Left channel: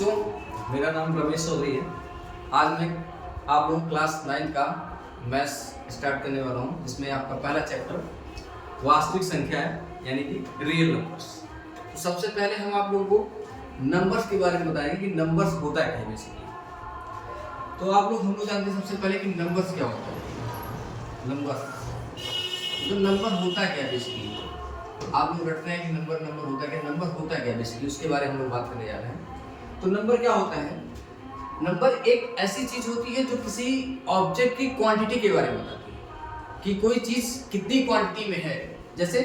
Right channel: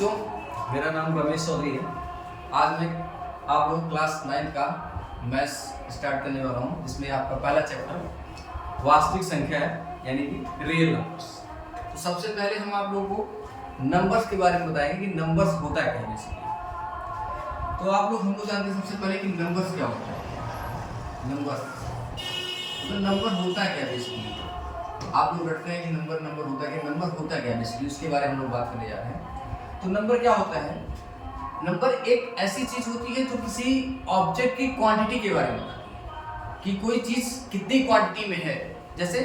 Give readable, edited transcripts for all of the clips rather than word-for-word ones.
बच्चों, मेरा नाम रमेश चौधरी है। आज मैं आप लोग क्लास 9 का मैथ्स स्टार्ट करने वाला हूँ, जिसमें आपका पहला चैप्टर वास्तविक संख्या है, यानी कि रियल नंबर्स। तो सबसे पहले हम आप लोगों को नंबर्स के बारे में बताएंगे कि नंबर्स होता क्या है बेसिकली। तो आप लोग हम लोग जानते हैं सबसे पहले कि नंबर्स क्या होता है। नंबर होता क्या है बेसिकली। आप लोग रटते हैं कि नंबर होता क्या, नंबर होता क्या बेसिकली, उसके बारे में हम लोग बात करने जा रहे हैं। तो नंबर क्या होता है? नंबर एक ऐसी चीज होती है जो किसी ऑब्जेक्ट की क्वांटिटी के बारे में बताती है कि कोई चीज कितनी क्वांटिटी में है। जैसे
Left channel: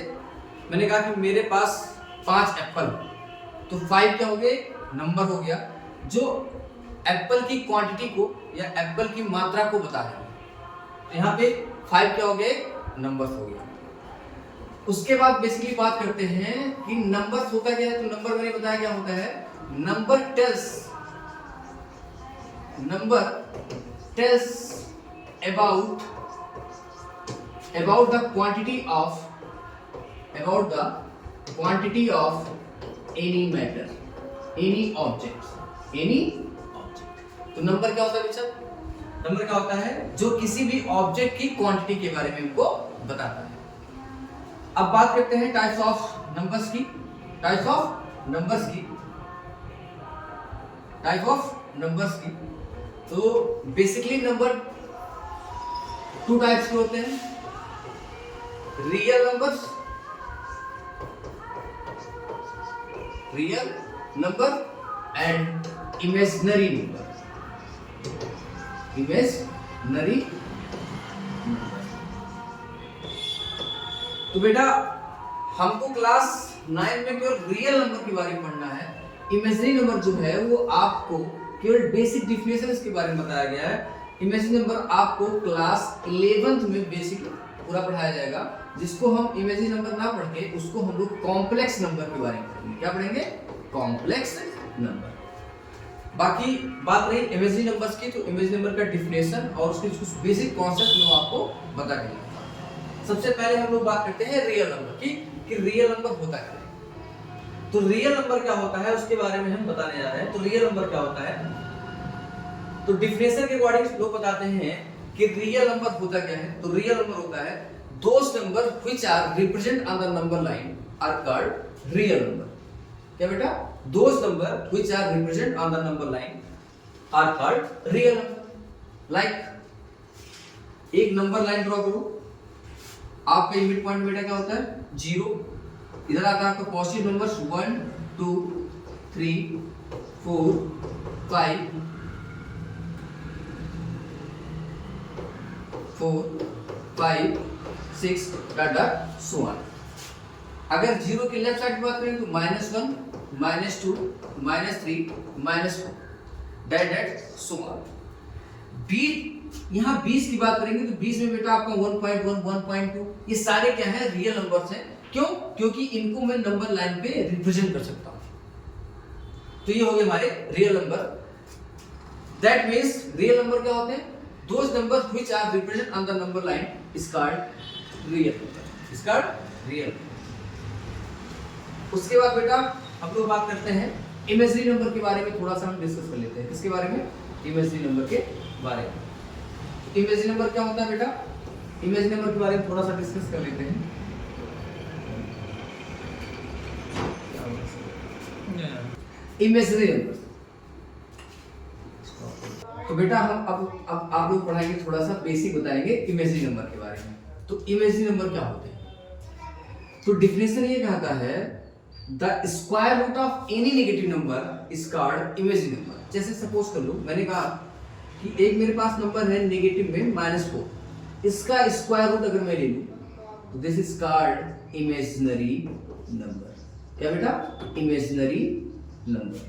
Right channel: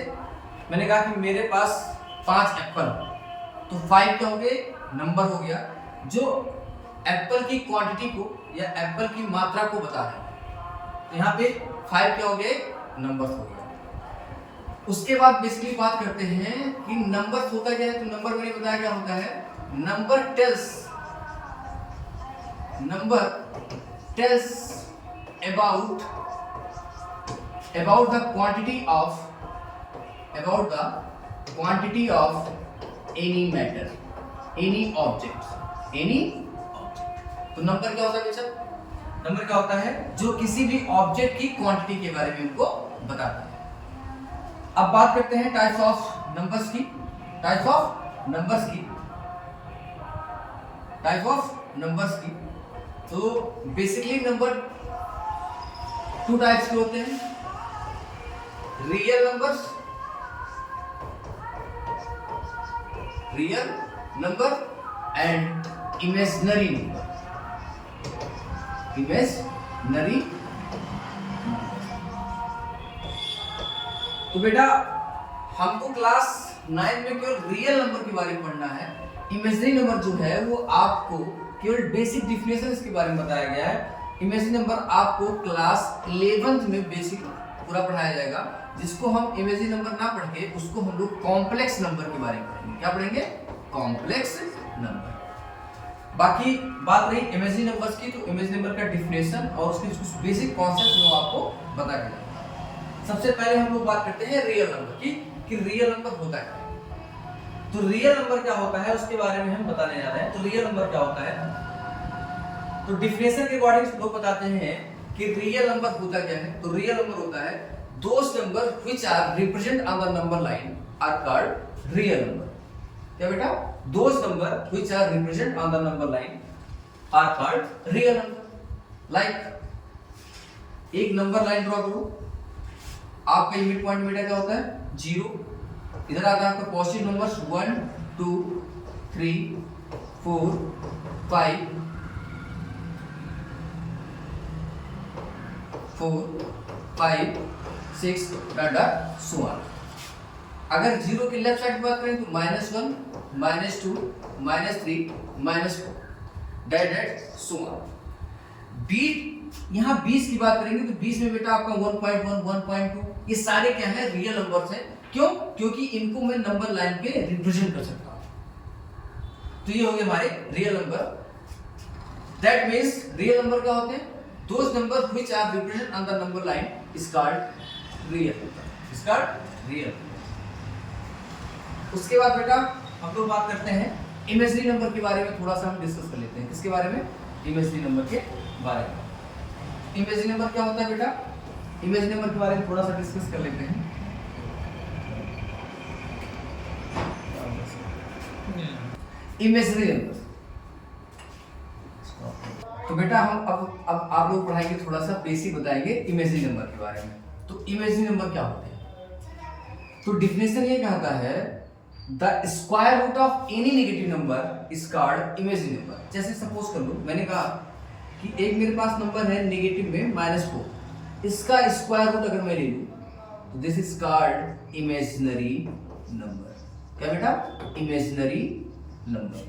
मैंने कहा कि मेरे पास 5 एप्पल, तो 5 क्या हो गए? नंबर हो गया जो एप्पल की क्वांटिटी को या एप्पल की मात्रा को बता रहे हैं। तो यहाँ पे 5 क्या हो गए? नंबर्स हो गया। उसके बाद बेसिकली बात करते हैं कि नंबर्स होता क्या है। तो नंबर मैंने बताया क्या होता है। Number tells about the quantity of any matter, any object। तो नंबर क्या होता है बेटा? नंबर क्या होता है? जो किसी भी ऑब्जेक्ट की क्वांटिटी के बारे में हमको बताता है। अब बात करते हैं टाइप्स ऑफ नंबर्स की। टाइप ऑफ नंबर्स की। तो बेसिकली नंबर 2 टाइप्स के होते हैं। Real number and imaginary number. तो बेटा हमको क्लास 9 में केवल रियल नंबर के बारे में पढ़ना है। इमेजिनरी नंबर जो है वो आपको केवल बेसिक डिफिनेशन इसके बारे में बताया गया है। इमेजिनरी नंबर आपको क्लास 11th में बेसिक पूरा पढ़ाया जाएगा, जिसको हम इमेजिनरी नंबर ना पढ़ के उसको हम लोग कॉम्प्लेक्स नंबर के बारे में पढ़ेंगे। क्या पढ़ेंगे? Complex number. बाकी बात रही इमेजिनरी नंबर्स की, तो इमेजिनरी नंबर का डिफिनेशन और उसके कुछ बेसिक कॉन्सेप्ट मैं आपको बता के दूंगा। सबसे पहले हम लोग बात करते हैं रियल नंबर की कि रियल नंबर होता क्या है। तो रियल नंबर क्या होता है उसके बारे में हम बताने जा रहे हैं। तो रियल नंबर क्या होता है? तो डिफिनेशन के अकॉर्डिंग लोग बताते हैं कि रियल नंबर होता क्या है। तो रियल नंबर होता है those number which are represent on the number line are called real number. क्या बेटा? Those number which are represent on the number line are called real number. Like एक number line draw करो। आपका mid point बेटा क्या होता है? 0। इधर आता है आपका positive numbers 1 2 3 4 5 6 dot so on. अगर 0 के लेफ्ट साइड की बात करें तो -1 -2 -3 -4 दैट सो ऑन। यहाँ 20 की बात करेंगे तो 20 में बेटा आपका 1.1 1.2 ये सारे क्या है? रियल नंबर्स हैं। क्यों? क्योंकि इनको मैं नंबर लाइन पे रिप्रेजेंट कर सकता हूं। तो ये हो गए हमारे real number. That means real number क्या होते हैं? Those number which are represent on the number line is called real number. उसके बाद बेटा हम लोग बात करते हैं इमेजिनरी नंबर के बारे में। थोड़ा सा हम डिस्कस कर लेते हैं। किसके बारे में? इमेजिनरी नंबर के बारे में। इमेजिनरी नंबर क्या होता है बेटा? इमेजिनरी नंबर के बारे में थोड़ा सा डिस्कस कर लेते हैं। Imaginary number. तो बेटा हम अब आप लोग पढ़ाएंगे, थोड़ा सा बेसिक बताएंगे इमेजिनरी नंबर के बारे में। तो इमेजिनरी नंबर क्या होते हैं? तो डिफिनेशन ये कहता है the square root of any negative number is called imaginary number. जैसे सपोज कर लो, मैंने कहा कि एक मेरे पास नंबर है नेगेटिव में -4, इसका स्क्वायर रूट अगर मैं ले लूं तो this is called imaginary number. क्या बेटा? Imaginary number,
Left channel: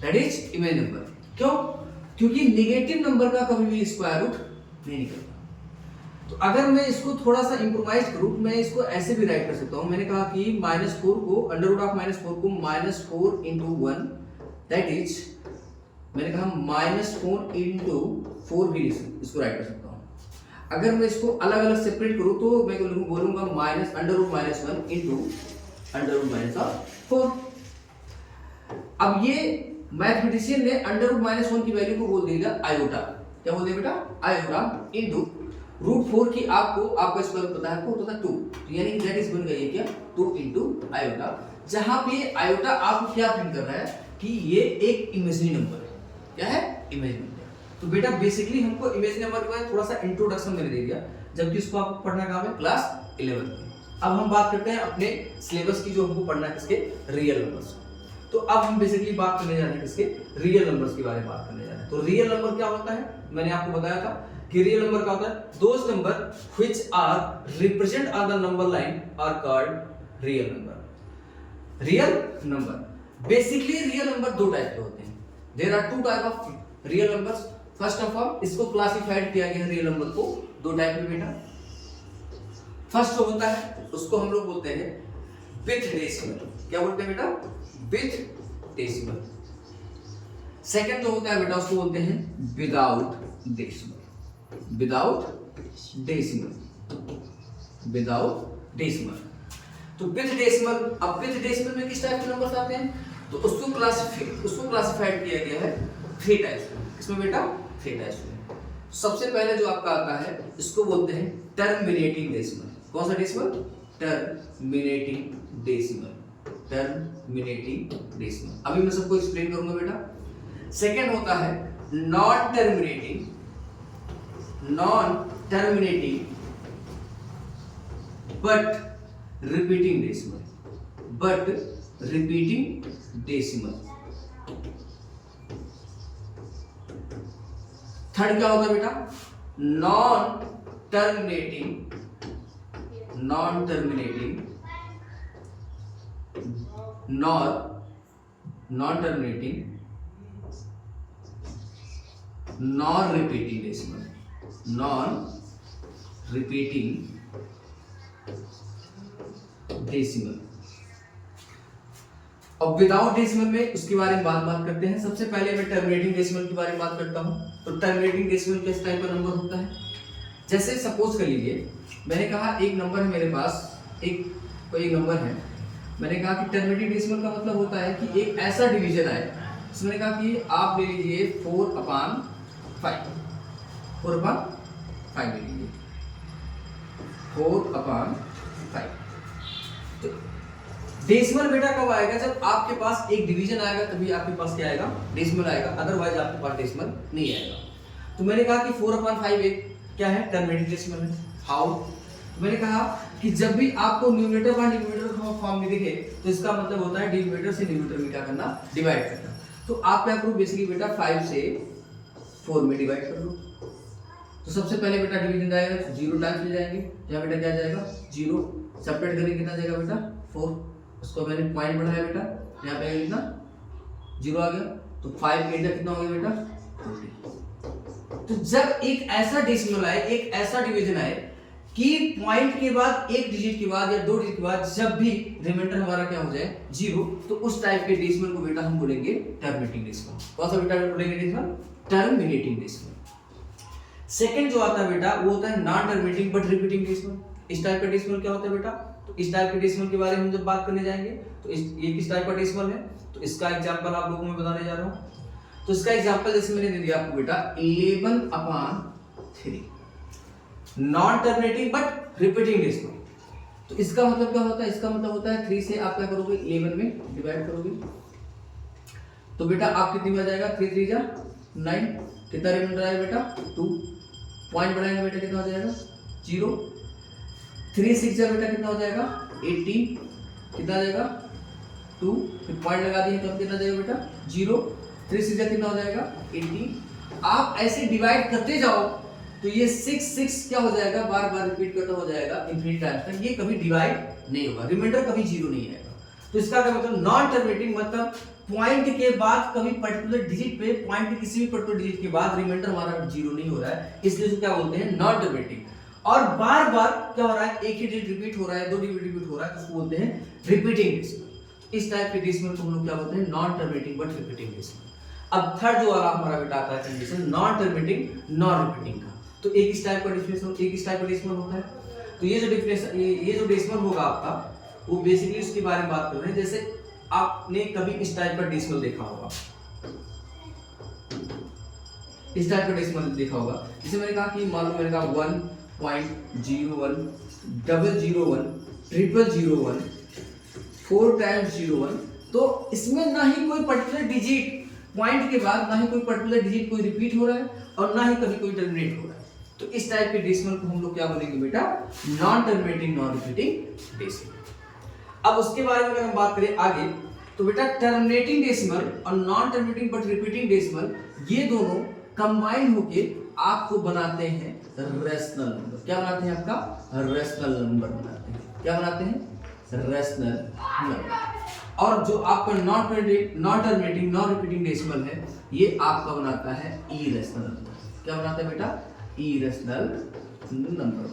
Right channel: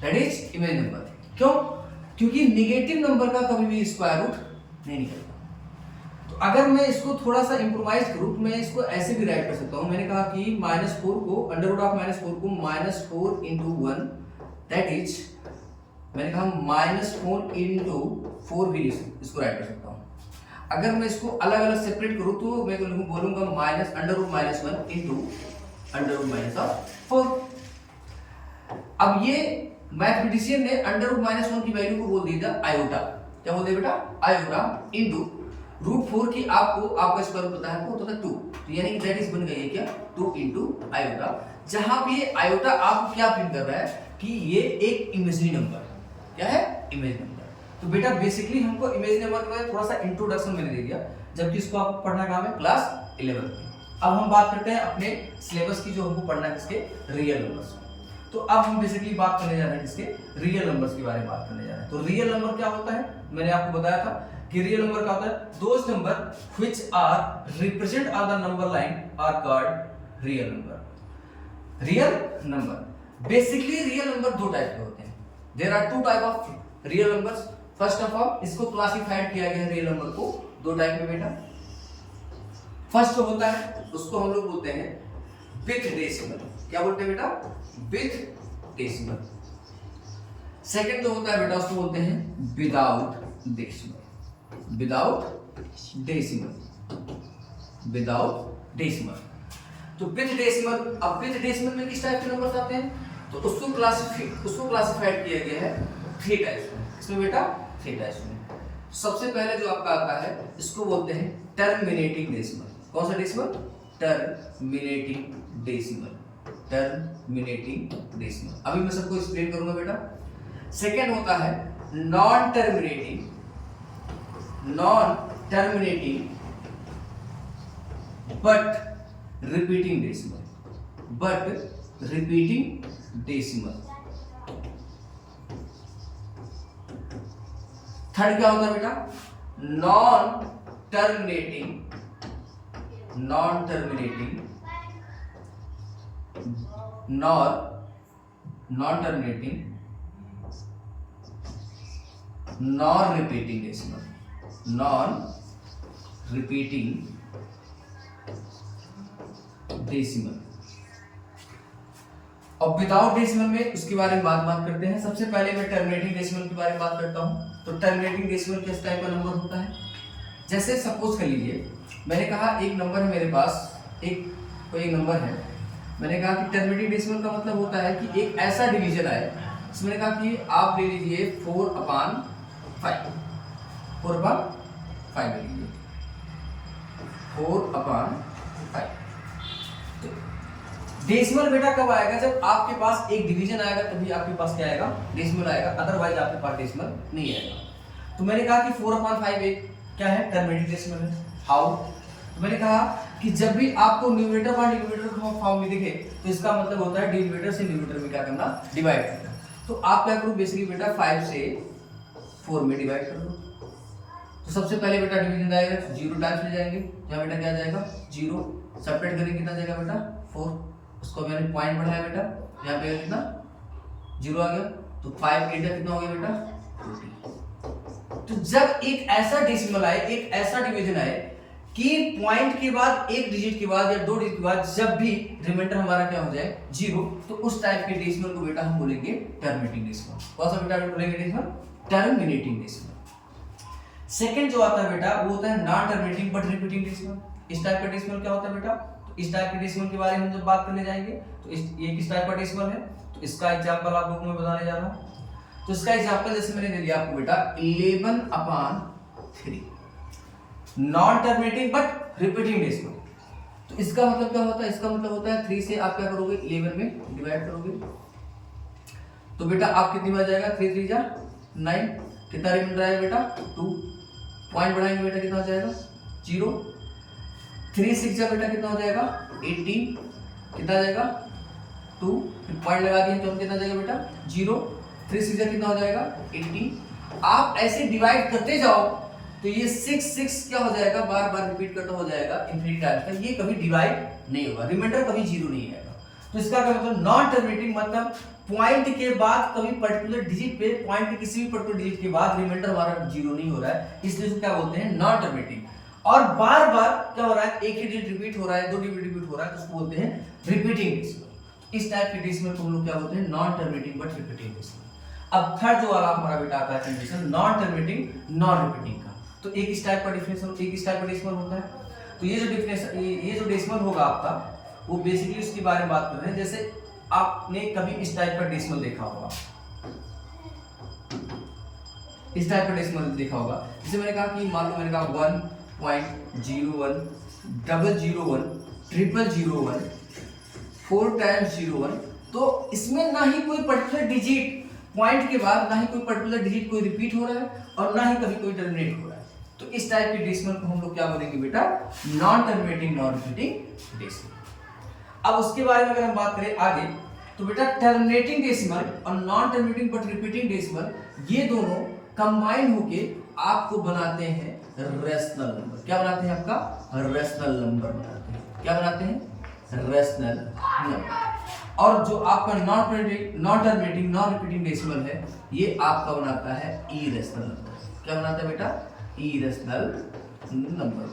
that is imaginary number. क्यों? क्योंकि नेगेटिव नंबर का कभी भी स्क्वायर रूट नहीं निकलता। तो अगर मैं इसको थोड़ा सा इंप्रोवाइज करूं तो मैं इसको ऐसे भी राइट कर सकता हूं। मैंने कहा कि -4 को √-4 को -4 × 1 दैट इज, मैंने कहा -4 × 4 भी इसको राइट कर सकता हूं। अगर मैं इसको अलग अलग सेपरेट करूं तो मैं बोलूंगा -√-1 × √-4। अब ये मैथमेटिशियन ने अंडर रूट -1 की वैल्यू को बोल दिया आयोटा। क्या बोल दिया बेटा? आयोटा इनटू रूट 4 की आपका स्क्वायर पता है आपको, तो 2, यानी कि दैट इज बन गई है क्या 2 इनटू आयोटा। जहां पे आयोटा आपको क्या प्रिंट कर रहा है कि ये एक इमेजिनरी नंबर है। क्या है? Imaginary number. तो बेटा बेसिकली हमको इमेजिनरी नंबर के बारे में थोड़ा सा इंट्रोडक्शन मैंने दे दिया, जबकि इसको आपको पढ़ना कहाँ है? क्लास 11 में। अब हम बात करते हैं अपने सिलेबस की, जो हमको पढ़ना है किसके? Real numbers. तो अब हम बेसिकली बात करने जा रहे हैं किसके? रियल नंबर्स के बारे में बात करने जा रहे हैं। तो रियल नंबर क्या होता है? मैंने आपको बताया था कि रियल नंबर क्या होता है? Those number which are represent on the number line are called real number. Real number basically real number दो टाइप के होते हैं। There are two type of real numbers. First of all इसको classified किया गया है रियल नंबर को दो टाइप में बेटा। फर्स्ट जो होता है उसको हम लोग बोलते हैं विथ डेसिमल। क्या बोलते हैं बेटा? With decimal. सेकंड जो होता है बेटा उसको बोलते हैं without decimal. Without decimal. Without decimal. तो विथ डेसिमल, अब विथ डेसिमल में किस टाइप के नंबर्स आते हैं? तो उसको क्लासिफाइड किया गया है 3 टाइप्स में। इसमें बेटा 3 टाइप्स में। सबसे पहले जो आपका आता है इसको बोलते हैं टर्मिनेटिंग डेसिमल। कौन सा decimal? Terminating decimal. Terminating decimal. अभी मैं सबको एक्सप्लेन करूंगा बेटा। सेकंड होता है non terminating but repeating decimal. But repeating decimal. Third क्या होता है बेटा? Non terminating non repeating decimal. Non repeating decimal. अब विदाउट डेसिमल में उसके बारे में बात करते हैं। सबसे पहले मैं टर्मिनेटिंग डेसिमल के बारे में बात करता हूं। तो टर्मिनेटिंग डेसिमल किस टाइप का नंबर होता है? जैसे सपोज कर लीजिए मैंने कहा एक नंबर है मेरे पास, कोई नंबर है, मैंने कहा कि टर्मिनेटिंग डेसिमल का मतलब होता है कि एक ऐसा डिवीजन आए जिसमें मैंने कहा कि आप ले लीजिए 4/5। 4/5 ले लीजिए 4/5। तो डेसिमल बेटा कब आएगा? जब आपके पास एक डिवीजन आएगा तभी आपके पास क्या आएगा? डेसिमल आएगा, अदरवाइज आपके पास डेसिमल नहीं आएगा। तो मैंने कहा कि 4/5 एक क्या है? टर्मिनेटिंग डेसिमल है। हाउ? तो मैंने कहा कि जब भी आपको न्यूमरेटर बाय डिनोमिनेटर फॉर्म में दिखे तो इसका मतलब होता है डिनोमिनेटर से न्यूमरेटर में क्या करना? डिवाइड करना। तो आप क्या करो बेसिकली बेटा 5 से 4 में डिवाइड कर दो। तो सबसे पहले बेटा डिवीजन आएगा 0 टाइम्स ले जाएंगे, यहाँ बेटा क्या जाएगा? 0। सेपरेट करेंगे कितना जाएगा बेटा? 4। उसको मैंने पॉइंट बढ़ाया बेटा, यहाँ पे लिखना 0 आ गया। तो 5 8 कितना हो गया बेटा? 40। तो जब एक ऐसा डेसिमल आए, एक ऐसा डिवीजन आए कि पॉइंट के बाद एक डिजिट के बाद या 2 डिजिट के बाद जब भी रिमाइंडर हमारा क्या हो जाए 0, तो उस टाइप के डेसिमल को बेटा हम बोलेंगे टर्मिनेटिंग डेसिमल। कौन सा बेटा बोलेंगे डेसिमल? Terminating decimal. सेकंड जो आता है बेटा वो होता है non terminating but repeating decimal. इस टाइप का डेसिमल क्या होता है बेटा? तो इस टाइप के डेसिमल के बारे में जब बात करने जाएंगे तो ये किस टाइप का डेसिमल है? तो इसका एग्जांपल आप लोगों को मैं बताने जा रहा हूं। तो इसका एग्जांपल जैसे मैंने दे दिया आपको बेटा 11/3 non terminating but repeating decimal. तो इसका मतलब क्या होता है? इसका मतलब होता है 3 से आप क्या करोगे? 11 में डिवाइड करोगे। तो बेटा आप कितनी बार जाएगा? 3 3 जा 9। कितना रिमाइंडर आएगा बेटा? 2। पॉइंट बढ़ाएंगे बेटा कितना हो जाएगा? 0। 3 6 जा बेटा कितना हो जाएगा? 18। कितना जाएगा? 2। फिर पॉइंट लगा दिए तो हम कितना जाएगा बेटा? 0। 3 6 जा कितना हो जाएगा? 18। आप ऐसे डिवाइड करते जाओ तो ये 6 6 क्या हो जाएगा? बार बार रिपीट करता हो जाएगा इन्फिनिटी टाइम्स तक। ये कभी डिवाइड नहीं होगा, रिमाइंडर कभी 0 नहीं आएगा। तो इसका क्या मतलब? नॉन टर्मिनेटिंग मतलब पॉइंट के बाद कभी पर्टिकुलर डिजिट पे, पॉइंट के किसी भी पर्टिकुलर डिजिट के बाद रिमाइंडर हमारा 0 नहीं हो रहा है, इसलिए इसको क्या बोलते हैं? Non terminating. और बार बार क्या हो रहा है? एक ही डिजिट रिपीट हो रहा है, 2 डिजिट रिपीट हो रहा है, तो उसको बोलते हैं रिपीटिंग डेसिमल। इस टाइप के डेसिमल को हम लोग क्या बोलते हैं? Non terminating but repeating decimal. अब थर्ड जो वाला हमारा बेटा आता है condition non terminating non repeating का। तो एक इस टाइप का डेफिनेशन, एक इस टाइप का डेसिमल होता है। तो ये जो डेफिनेशन, ये जो डेसिमल होगा आपका वो बेसिकली उसके बारे में बात कर रहे हैं। जैसे आपने कभी इस टाइप का डेसिमल देखा होगा, इस टाइप का डेसिमल देखा होगा। जैसे मैंने कहा कि मान लो मैंने कहा 1.01 001 0001 4 टाइम्स 01, तो इसमें ना ही कोई पर्टिकुलर डिजिट पॉइंट के बाद ना ही कोई पर्टिकुलर डिजिट कोई रिपीट हो रहा है और ना ही कभी कोई टर्मिनेट हो रहा है। तो इस टाइप के डेसिमल को हम लोग क्या बोलेंगे बेटा? Non terminating non repeating decimal. अब उसके बारे में अगर हम बात करें आगे, तो बेटा टर्मिनेटिंग डेसिमल और non terminating but repeating decimal, ये दोनों कंबाइन होके आपको बनाते हैं रेशनल नंबर। क्या बनाते हैं? आपका रेशनल नंबर बनाते हैं। क्या बनाते हैं? Rational number. और जो आपका non terminating non repeating decimal है, ये आपका बनाता है इरेशनल नंबर। क्या बनाता है बेटा? Irrational number.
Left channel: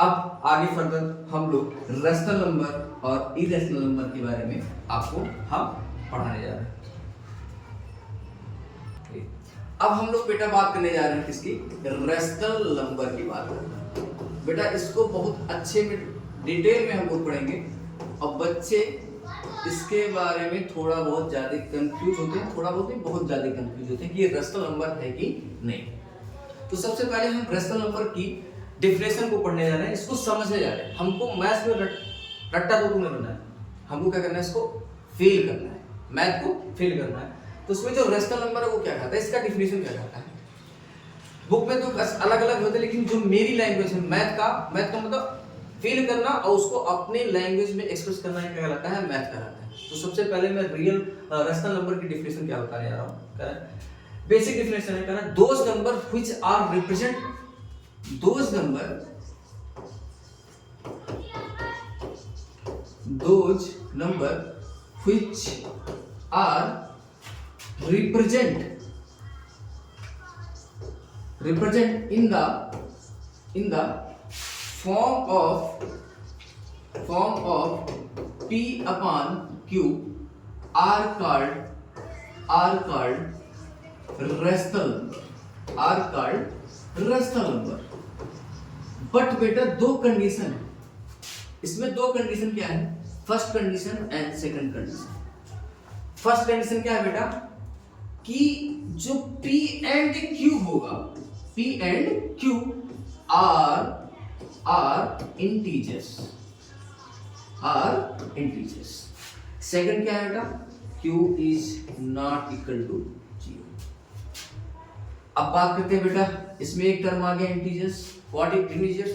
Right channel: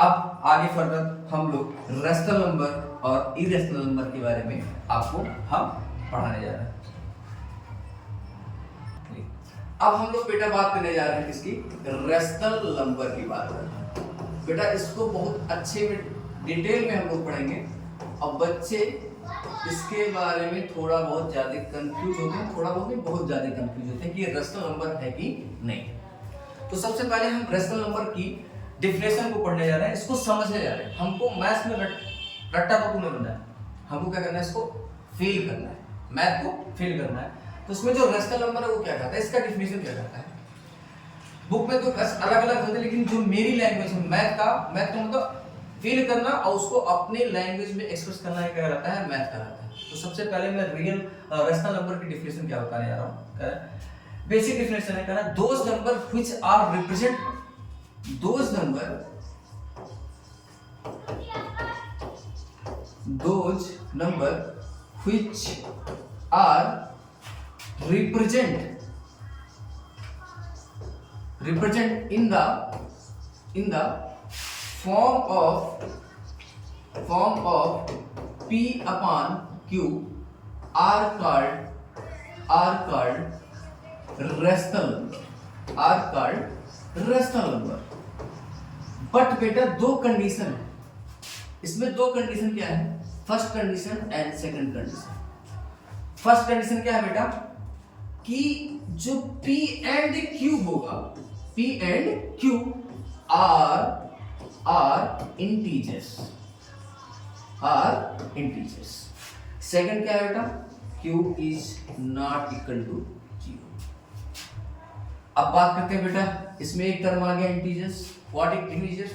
अब आगे फर्दर हम लोग रेशनल नंबर और इरेशनल नंबर के बारे में आपको हम पढ़ाने जा रहे हैं। अब हम लोग बेटा बात करने जा रहे हैं किसकी? रेशनल नंबर की बात कर रहे हैं। बेटा इसको बहुत अच्छे में डिटेल में हम लोग पढ़ेंगे और बच्चे इसके बारे में थोड़ा बहुत ज्यादा कंफ्यूज होते हैं, थोड़ा बहुत नहीं बहुत ज्यादा कंफ्यूज होते हैं कि ये रेशनल नंबर है कि नहीं। तो सबसे पहले हम रेशनल नंबर की डेफिनेशन को पढ़ने जा रहे हैं, इसको समझने जा रहे हैं। हमको मैथ्स में रट्टा रोटू नहीं बनना है, हमको क्या करना है? इसको फील करना है, मैथ को फील करना है। तो उसमें जो रेशनल नंबर है वो क्या कहता है, इसका डेफिनेशन क्या कहता है? बुक में तो अलग अलग होते हैं, लेकिन जो मेरी लैंग्वेज है मैथ का मतलब फील करना और उसको अपने लैंग्वेज में एक्सप्रेस करना ही क्या कहलाता है? मैथ कहलाता है। तो सबसे पहले मैं रियल रेशनल नंबर की डेफिनेशन क्या बताने जा रहा हूँ। बेसिक डेफिनेशन है, कहना those number which are represent those number which are represent in the form of P upon Q are called rational number। But बेटा दो कंडीशन है इसमें। दो कंडीशन क्या है? First condition and second condition. First condition क्या है बेटा? कि जो P एंड Q होगा, P and Q are integers. Second क्या है बेटा? Q is not equal to 0। अब बात करते हैं बेटा, इसमें एक टर्म आ गया इंटीजर्स। What is integers?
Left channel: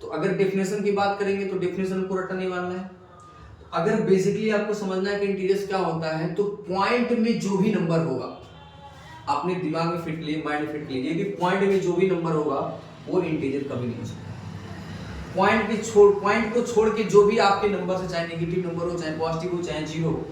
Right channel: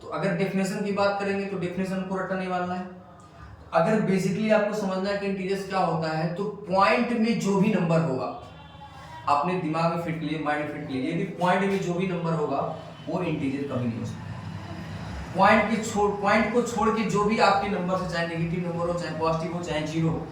तो अगर डेफिनेशन की बात करेंगे तो डेफिनेशन को रट्टा नहीं मानना है। अगर बेसिकली आपको समझना है कि इंटीजर्स क्या होता है, तो पॉइंट में जो भी नंबर होगा, अपने दिमाग में फिट कर लीजिए, माइंड में फिट कर लीजिए कि पॉइंट में जो भी नंबर होगा वो इंटीजर कभी नहीं हो सकता। पॉइंट को छोड़ के जो भी आपके नंबर से, चाहे नेगेटिव नंबर हो, चाहे पॉजिटिव हो, चाहे जीरो हो,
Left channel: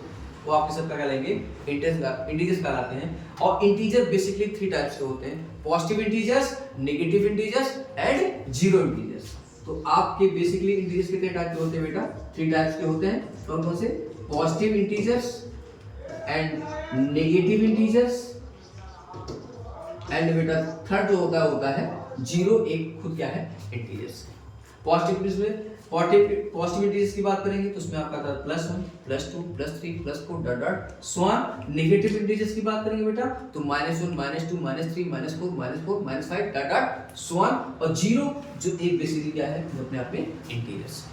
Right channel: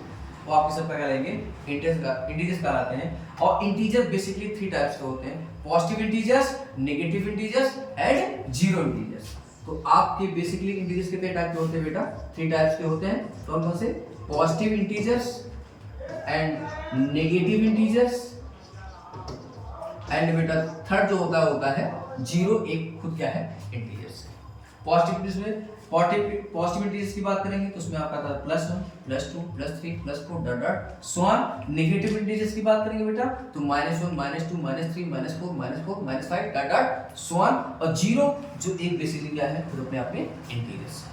वो आपके सब क्या लेंगे? इंटीजर्स कहलाते हैं। और इंटीजर बेसिकली 3 टाइप्स के होते हैं: positive integers, negative integers and zero integers. तो आपके बेसिकली इंटीजर्स कितने टाइप के होते हैं बेटा? 3 टाइप्स के होते हैं। कौन कौन से? Positive integers and negative integers and बेटा थर्ड जो होता है जीरो। एक खुद क्या है? इंटीजर्स। पॉजिटिव इंटीजर्स की बात करेंगे तो उसमें आपका था +1 +2 +3 +4 dot dot so on. Negative integers की बात करेंगे बेटा तो -1 -2 -3 -4 -4 -5 डॉट डॉट सो ऑन। और जीरो जो एक बेसिकली क्या है? तो अपने आप में इंटीजर्स।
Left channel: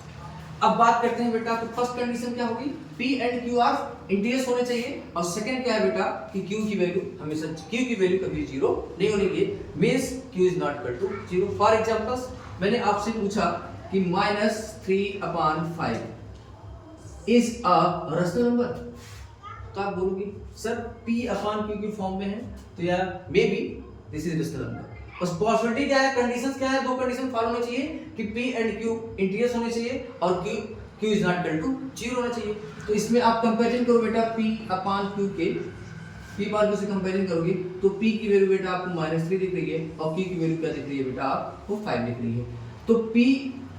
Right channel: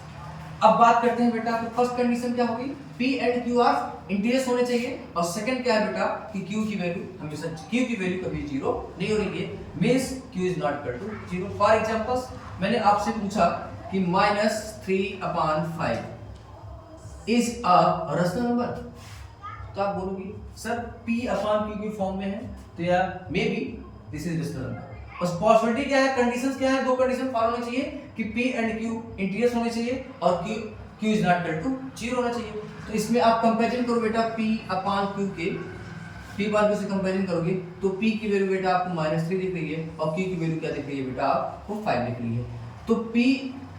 अब बात करते हैं बेटा, तो फर्स्ट कंडीशन क्या होगी? P and Q are integers होने चाहिए। और सेकंड क्या है बेटा? कि Q की वैल्यू हमेशा कभी जीरो नहीं होनी चाहिए, means Q is not equal to 0। For examples, मैंने आपसे पूछा कि -3/5 इज अ रेशनल नंबर, तो आप बोलोगे सर P/Q की फॉर्म में है, तो यार may be this is rational number. बस पॉसिबिलिटी क्या है, कंडीशंस क्या है? दो कंडीशन फॉलो होने चाहिए कि P एंड Q इंटीजर्स होने चाहिए और Q is not equal to 0 होना चाहिए। तो इसमें आप कंपैरिजन करो बेटा P/Q के, P/Q से कंपैरिजन करोगे तो P की वैल्यू बेटा आपको -3 दिख रही है और Q की वैल्यू क्या दिख रही है बेटा? आपको 5 दिख रही है। तो P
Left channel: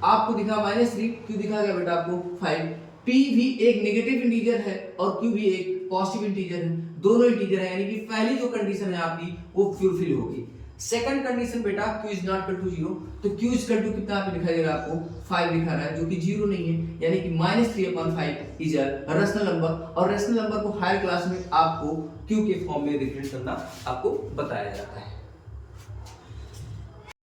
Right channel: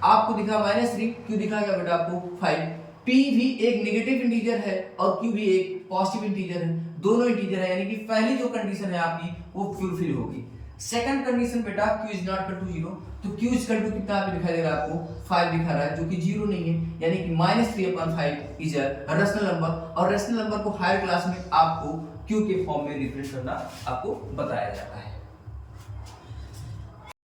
आपको दिखा -3, Q दिखा क्या बेटा आपको? 5। P भी एक नेगेटिव इंटीजर है और Q भी एक पॉजिटिव इंटीजर है, दोनों इंटीजर है, यानी कि पहली जो कंडीशन है आपकी वो फुलफिल होगी। सेकंड कंडीशन बेटा q is not equal to 0, तो q इज इक्वल टू कितना यहाँ पे दिखाई दे रहा है आपको 5 दिखा रहा है जो कि 0 नहीं है, यानी कि -3/5 इज अ रेशनल नंबर, और रेशनल नंबर को हायर क्लास में आपको q के फॉर्म में रिप्रेजेंट करना आपको बताया जाता है।